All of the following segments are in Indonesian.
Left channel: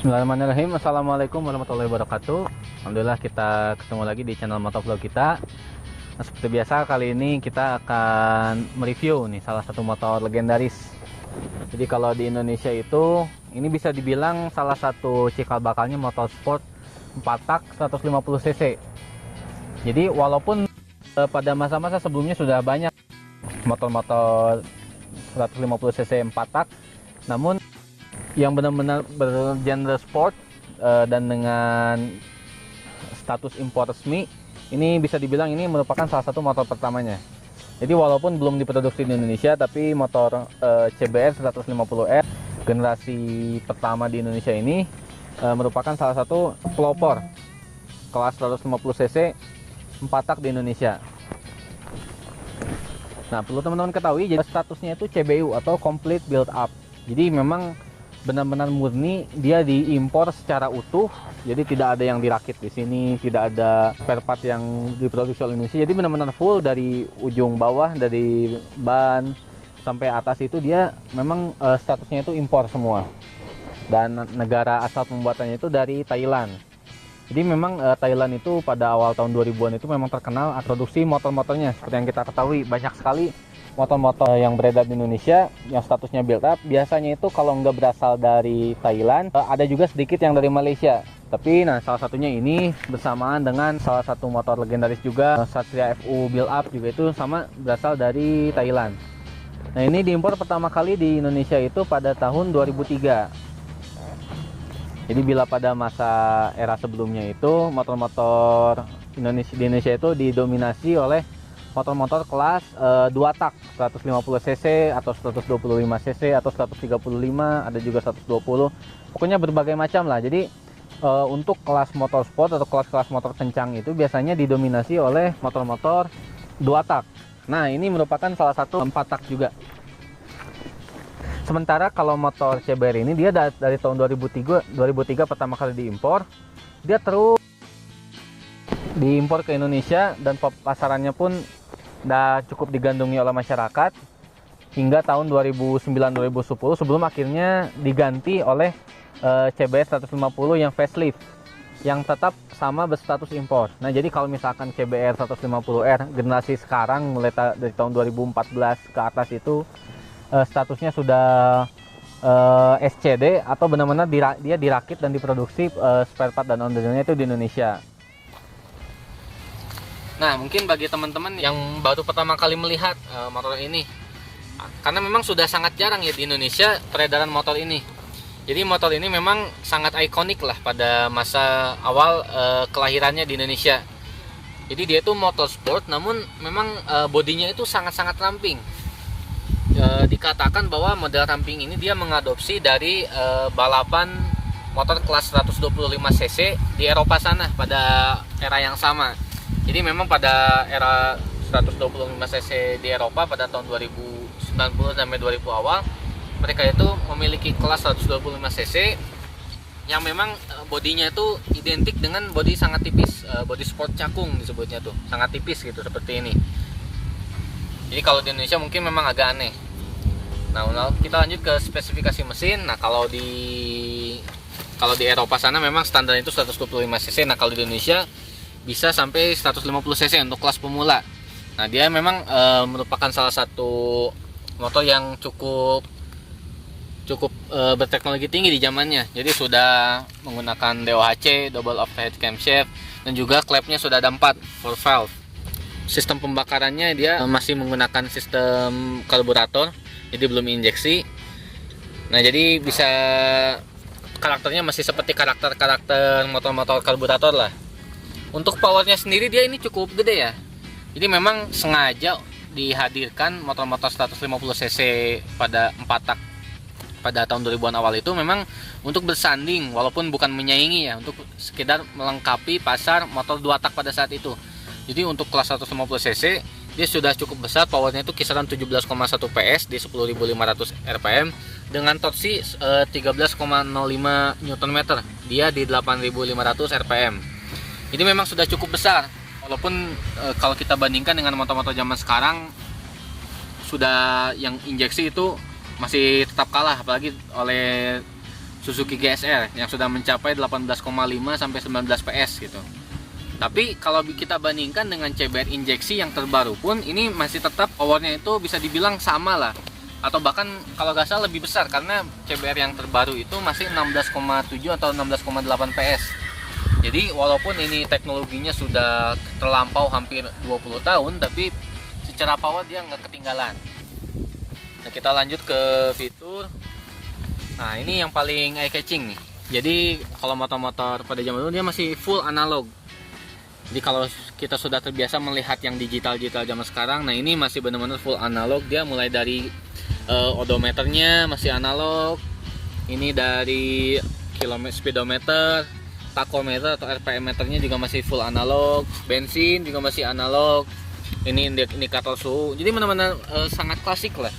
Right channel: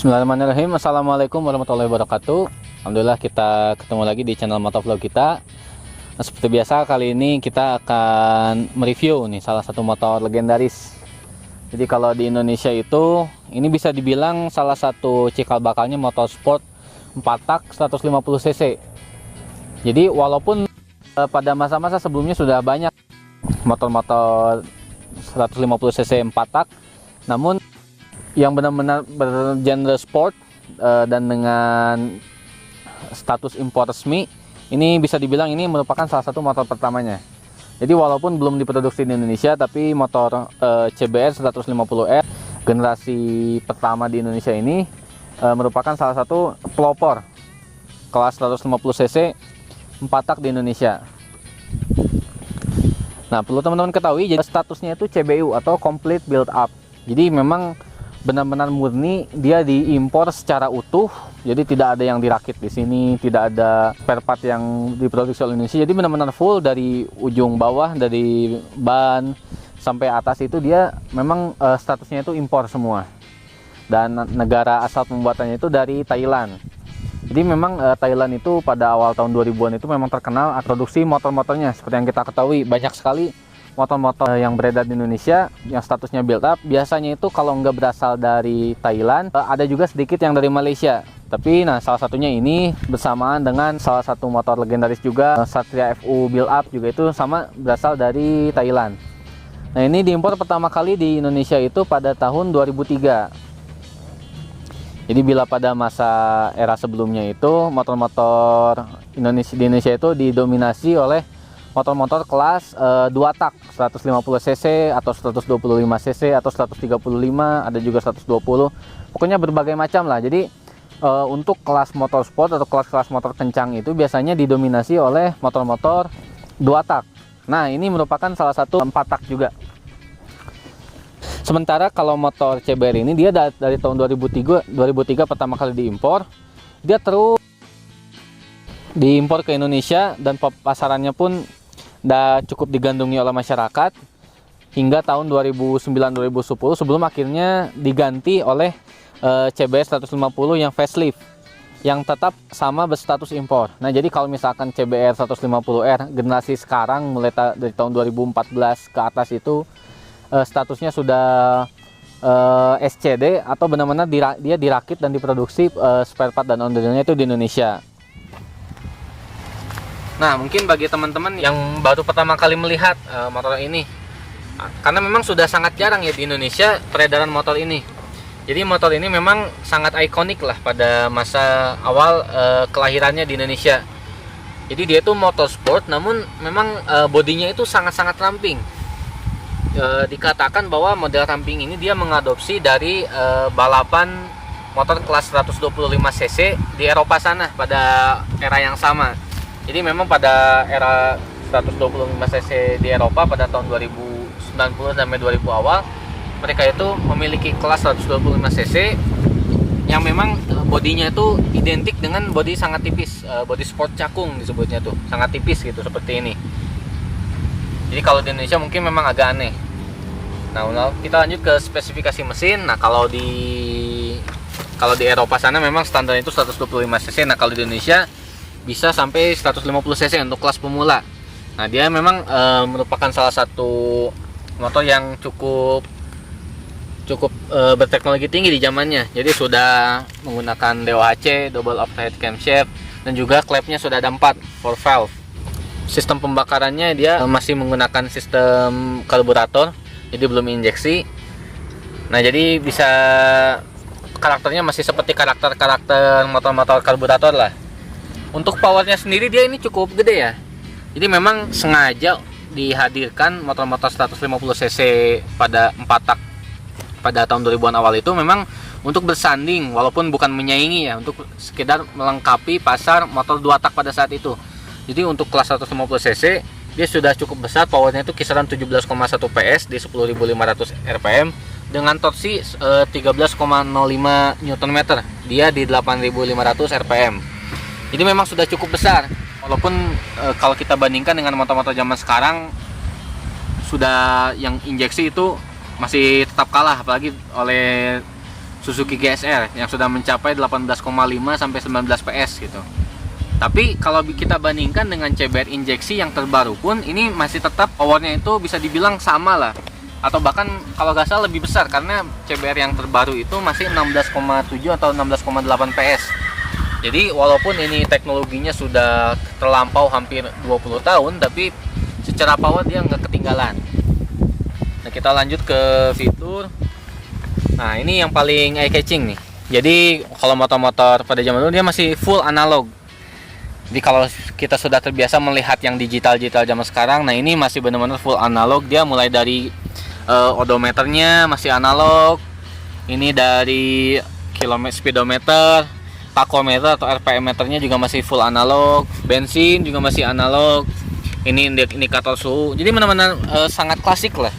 Bismillahirrahmanirrahim. Assalamualaikum warahmatullahi wabarakatuh. Alhamdulillah kita ketemu lagi di channel motovlog kita. Nah, seperti biasa kali ini kita akan mereview nih salah satu motor legendaris. Jadi kalau di Indonesia itu ini bisa dibilang salah satu cikal bakalnya motor sport 4 tak 150 cc. Jadi walaupun pada masa-masa sebelumnya sudah banyak motor-motor 150 cc 4 tak, namun yang benar-benar bergenre sport dan dengan status impor resmi, ini bisa dibilang ini merupakan salah satu motor pertamanya. Jadi walaupun belum diproduksi di Indonesia, tapi motor CBR 150R generasi pertama di Indonesia ini merupakan salah satu pelopor kelas 150 cc 4 tak di Indonesia. Nah, perlu teman-teman ketahui, jadi statusnya itu CBU atau Complete Build Up. Jadi memang benar-benar murni dia diimpor secara utuh, jadi tidak ada yang dirakit di sini, tidak ada spare part yang diproduksi oleh Indonesia. Jadi benar-benar full dari ujung bawah, dari ban sampai atas itu dia memang statusnya itu impor semua. Dan negara asal pembuatannya itu dari Thailand. Jadi memang Thailand itu pada awal tahun 2000-an itu memang terkenal produksi motor-motornya. Seperti yang kita ketahui, banyak sekali motor-motor yang beredar di Indonesia yang statusnya build up. Biasanya itu kalau nggak berasal dari Thailand, ada juga sedikit yang dari Malaysia. Tapi nah, salah satunya ini bersamaan dengan salah satu motor legendaris juga, Satria FU build up, juga itu sama berasal dari Thailand. Nah, ini diimpor pertama kali di Indonesia itu pada tahun 2003. Jadi bila pada masa era sebelumnya itu motor-motor Indonesia di Indonesia itu didominasi oleh motor-motor kelas 2 tak 150 cc atau 125 cc atau 135, ada juga 120, pokoknya berbagai macam lah. Jadi untuk kelas motor sport atau kelas-kelas motor kencang itu biasanya didominasi oleh motor-motor 2 tak. Nah, ini merupakan salah satu 4 tak juga. Sementara kalau motor CBR ini dia dari tahun 2003 pertama kali diimpor, dia terus diimpor ke Indonesia dan pasarannya pun udah cukup digandrungi oleh masyarakat hingga tahun 2009-2010 sebelum akhirnya diganti oleh CBR 150 yang facelift yang tetap sama berstatus impor. Nah, jadi kalau misalkan CBR 150R generasi sekarang mulai dari tahun 2014 ke atas itu statusnya sudah SCD atau benar-benar dia dirakit dan diproduksi spare part dan on-the-nya itu di Indonesia. Nah, mungkin bagi teman-teman yang baru pertama kali melihat motor ini, karena memang sudah sangat jarang ya di Indonesia peredaran motor ini. Jadi motor ini memang sangat ikonik lah pada masa awal kelahirannya di Indonesia. Jadi dia itu motor sport, namun memang bodinya itu sangat-sangat ramping. Dikatakan bahwa model ramping ini dia mengadopsi dari balapan motor kelas 125 cc di Eropa sana pada era yang sama. Jadi memang pada era 125 cc di Eropa pada tahun 2090 sampai 2000 awal, mereka itu memiliki kelas 125 cc yang memang bodinya itu identik dengan bodi sangat tipis, bodi sport cakung disebutnya tuh, sangat tipis gitu seperti ini. Jadi kalau di Indonesia mungkin memang agak aneh. Nah, kita lanjut ke spesifikasi mesin. Nah, kalau di Eropa sana memang standar itu 125 cc. Nah, kalau di Indonesia bisa sampai 150 cc untuk kelas pemula. Nah, dia memang merupakan salah satu motor yang cukup berteknologi tinggi di zamannya. Jadi sudah menggunakan DOHC, double overhead camshaft, dan juga klepnya sudah ada 4 valve. Sistem pembakarannya dia masih menggunakan sistem karburator, jadi belum injeksi. Nah, jadi bisa karakternya masih seperti karakter motor-motor karburator lah. Untuk powernya sendiri dia ini cukup gede ya. Jadi memang sengaja dihadirkan motor-motor 150 cc pada 4 tak pada tahun 2000-an awal itu memang untuk bersanding, walaupun bukan menyaingi ya, untuk sekedar melengkapi pasar motor 2 tak pada saat itu. Jadi untuk kelas 150 cc dia sudah cukup besar, powernya itu kisaran 17,1 PS di 10.500 rpm dengan torsi 13,05 Nm, dia di 8.500 rpm. Jadi memang sudah cukup besar, walaupun kalau kita bandingkan dengan motor-motor zaman sekarang sudah yang injeksi itu masih tetap kalah, apalagi Suzuki GSR yang sudah mencapai 18,5 sampai 19 PS gitu. Tapi kalau kita bandingkan dengan CBR injeksi yang terbaru pun, ini masih tetap powernya itu bisa dibilang sama lah, atau bahkan kalau nggak salah lebih besar, karena CBR yang terbaru itu masih 16,7 atau 16,8 PS. Jadi walaupun ini teknologinya sudah terlampau hampir 20 tahun, tapi secara power dia nggak ketinggalan. Nah, kita lanjut ke fitur. Nah, ini yang paling eye catching nih. Jadi kalau motor-motor pada zaman dulu dia masih full analog. Jadi kalau kita sudah terbiasa melihat yang digital-digital zaman sekarang, nah ini masih benar-benar full analog. Dia mulai dari odometernya masih analog. Ini dari speedometer, tachometer atau RPM meternya juga masih full analog. Bensin juga masih analog. Ini indikator suhu. Jadi benar-benar sangat klasik lah.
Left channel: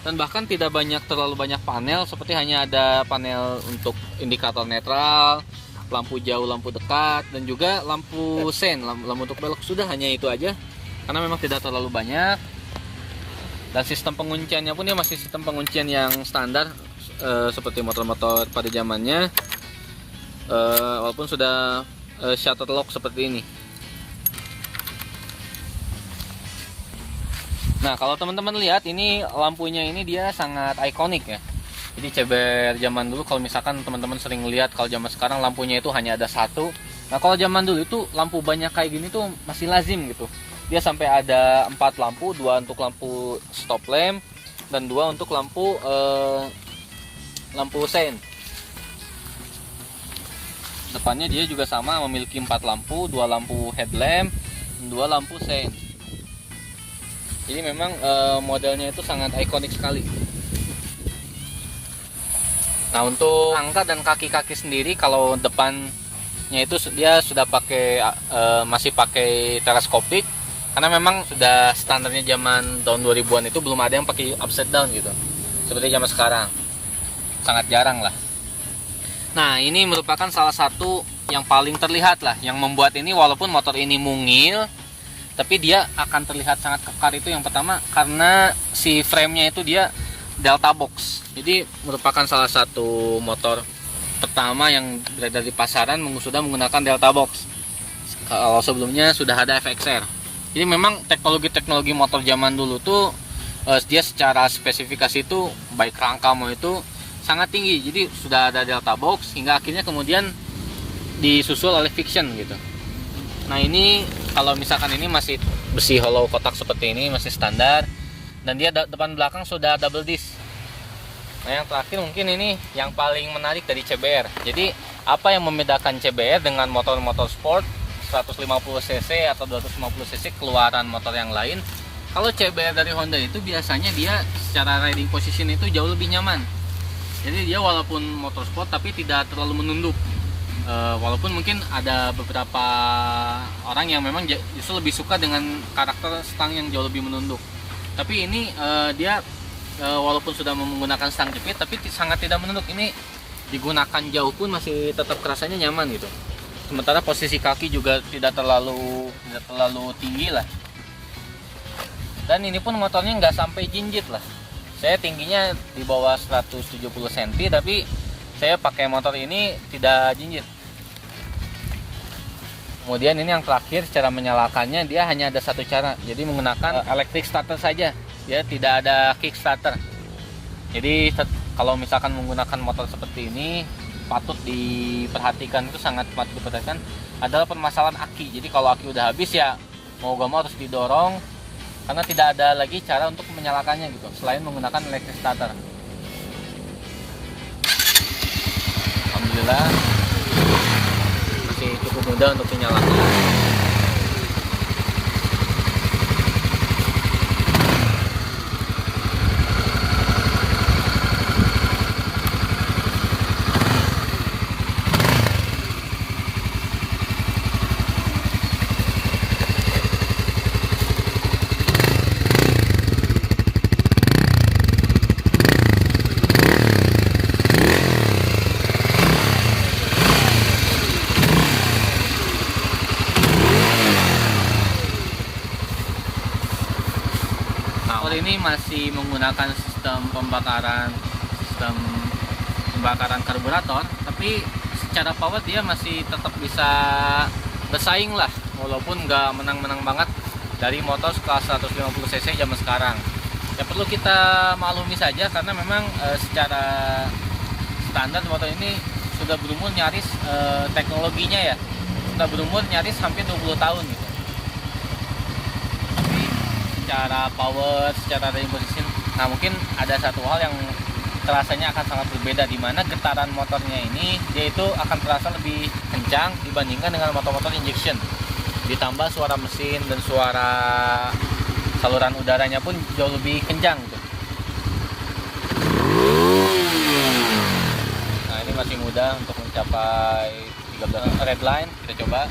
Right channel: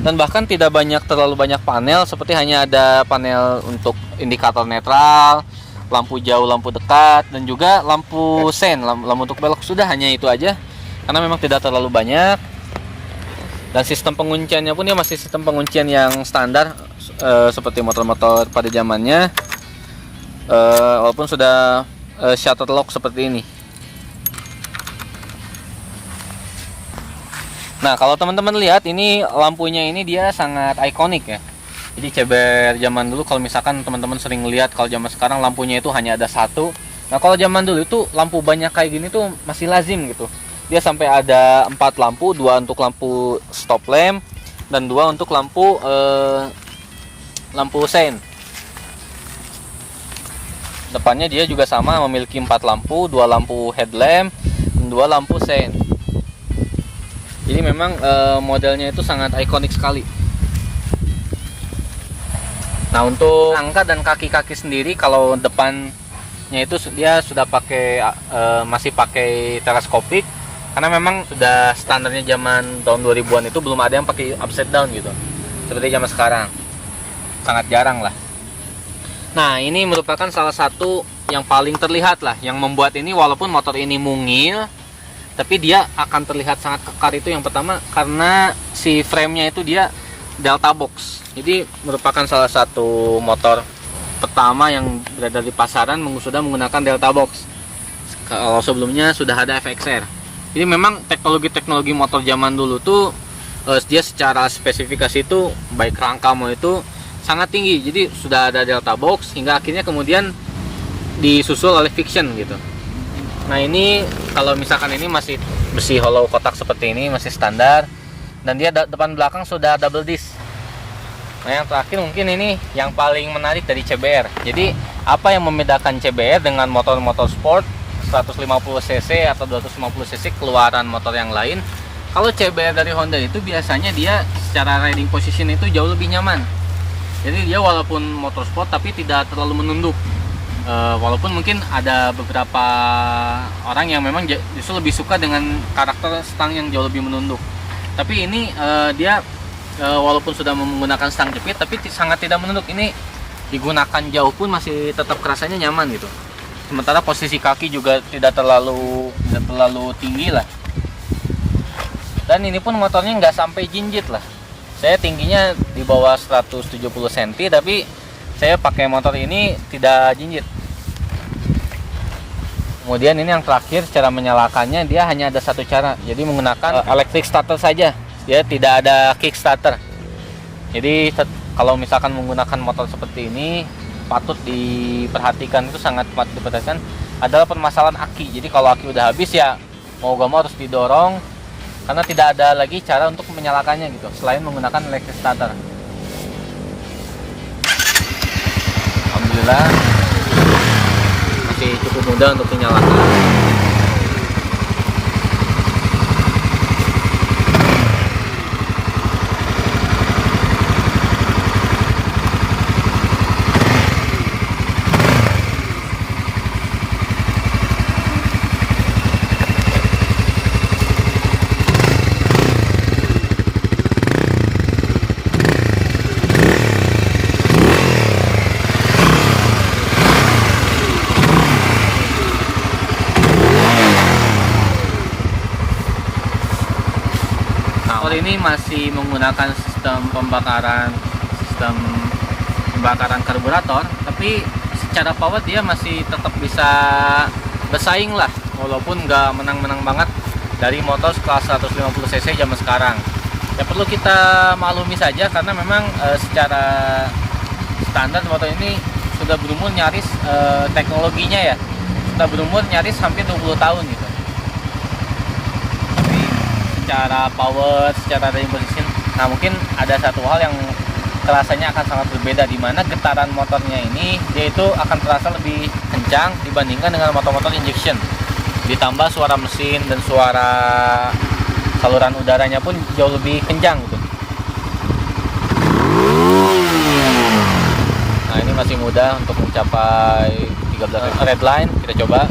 Dan bahkan tidak terlalu banyak panel, seperti hanya ada panel untuk indikator netral, lampu jauh, lampu dekat, dan juga lampu sen, lampu untuk belok. Sudah hanya itu aja, karena memang tidak terlalu banyak. Dan sistem pengunciannya pun dia masih sistem penguncian yang standar, seperti motor-motor pada zamannya, walaupun sudah shutter lock seperti ini. Nah, kalau teman-teman lihat ini lampunya ini dia sangat ikonik ya. Jadi CBR zaman dulu, kalau misalkan teman-teman sering lihat, kalau zaman sekarang lampunya itu hanya ada satu. Nah, kalau zaman dulu itu lampu banyak kayak gini tuh masih lazim gitu. Dia sampai ada 4 lampu, 2 untuk lampu stop lamp dan 2 untuk lampu sein. Depannya dia juga sama, memiliki 4 lampu, 2 lampu headlamp dan 2 lampu sein. Jadi memang modelnya itu sangat ikonik sekali. Nah, untuk angka dan kaki-kaki sendiri, kalau depannya itu dia sudah masih pakai teleskopik, karena memang sudah standarnya zaman tahun 2000-an itu belum ada yang pakai upside down gitu, seperti zaman sekarang. Sangat jarang lah. Nah, ini merupakan salah satu yang paling terlihat lah, yang membuat ini walaupun motor ini mungil, tapi dia akan terlihat sangat kekar. Itu yang pertama, karena si frame-nya itu dia Delta Box. Jadi merupakan salah satu motor pertama yang berada di pasaran sudah menggunakan Delta Box. Kalau sebelumnya sudah ada FXR. Jadi memang teknologi motor zaman dulu tuh dia secara spesifikasi itu baik rangka mau itu sangat tinggi. Jadi sudah ada Delta Box hingga akhirnya kemudian disusul oleh Fiction gitu. Nah, ini kalau misalkan ini masih besi hollow kotak seperti ini, masih standar, dan dia depan belakang sudah double disc. Nah, yang terakhir mungkin ini yang paling menarik dari CBR. Jadi apa yang membedakan CBR dengan motor-motor sport 150cc atau 250cc keluaran motor yang lain? Kalau CBR dari Honda itu biasanya dia secara riding position itu jauh lebih nyaman. Jadi dia walaupun motor sport tapi tidak terlalu menunduk. Walaupun mungkin ada beberapa orang yang memang justru lebih suka dengan karakter stang yang jauh lebih menunduk. Tapi ini dia walaupun sudah menggunakan stang jepit tapi sangat tidak menunduk. Ini digunakan jauh pun masih tetap kerasanya nyaman gitu. Sementara posisi kaki juga tidak terlalu tinggi lah. Dan ini pun motornya nggak sampai jinjit lah. Saya tingginya di bawah 170 cm, tapi saya pakai motor ini tidak jinjit. Kemudian ini yang terakhir, cara menyalakannya dia hanya ada satu cara. Jadi menggunakan electric starter saja. Dia tidak ada kickstarter. Jadi kalau misalkan menggunakan motor seperti ini, patut diperhatikan, itu sangat patut diperhatikan adalah permasalahan aki. Jadi kalau aki udah habis ya mau gak mau harus didorong, karena tidak ada lagi cara untuk menyalakannya gitu selain menggunakan electric starter. Alhamdulillah masih cukup mudah untuk menyalakan. Ini masih menggunakan sistem pembakaran, sistem bakaran karburator, tapi secara power dia masih tetap bisa bersaing lah, walaupun nggak menang-menang banget dari motor kelas 150 cc zaman sekarang. Ya perlu kita maklumi saja karena memang secara standar motor ini sudah berumur nyaris teknologinya ya sudah berumur nyaris hampir 20 tahun gitu. Tapi secara power, secara driving position, nah mungkin ada satu hal yang terasanya akan sangat berbeda, di mana getaran motornya ini dia itu akan terasa lebih kencang dibandingkan dengan motor-motor injection. Ditambah suara mesin dan suara saluran udaranya pun jauh lebih kencang gitu. Nah ini masih mudah untuk mencapai 13 red line, kita coba.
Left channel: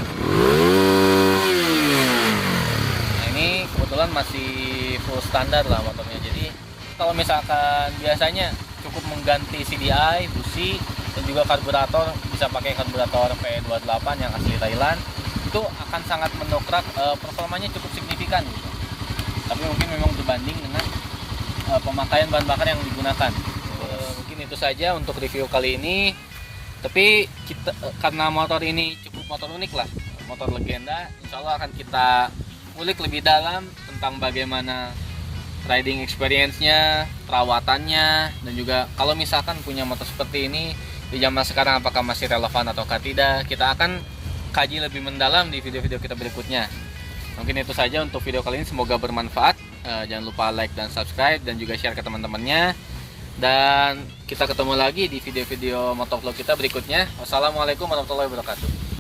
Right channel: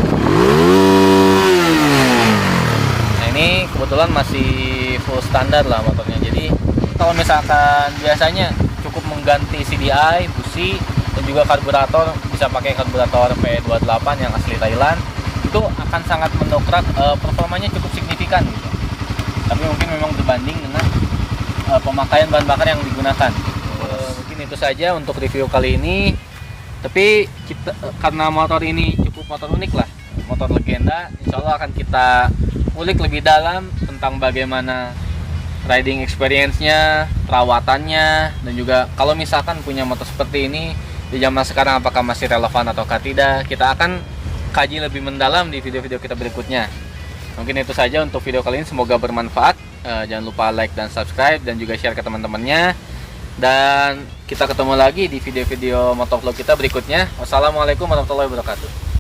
Nah ini kebetulan masih full standar lah motornya. Jadi kalau misalkan biasanya cukup mengganti CDI, busi, dan juga karburator, bisa pakai karburator P28 yang asli Thailand, itu akan sangat mendongkrak performanya cukup signifikan gitu. Tapi mungkin memang berbanding dengan pemakaian bahan bakar yang digunakan. Mungkin itu saja untuk review kali ini. Tapi kita karena motor ini cukup motor unik lah, motor legenda, insya Allah akan kita ulik lebih dalam tentang bagaimana riding experience-nya, perawatannya, dan juga kalau misalkan punya motor seperti ini di zaman sekarang apakah masih relevan ataukah tidak, kita akan kaji lebih mendalam di video-video kita berikutnya. Mungkin itu saja untuk video kali ini, semoga bermanfaat. Jangan lupa like dan subscribe dan juga share ke teman-temannya. Dan kita ketemu lagi di video-video motovlog kita berikutnya. Wassalamualaikum warahmatullahi wabarakatuh.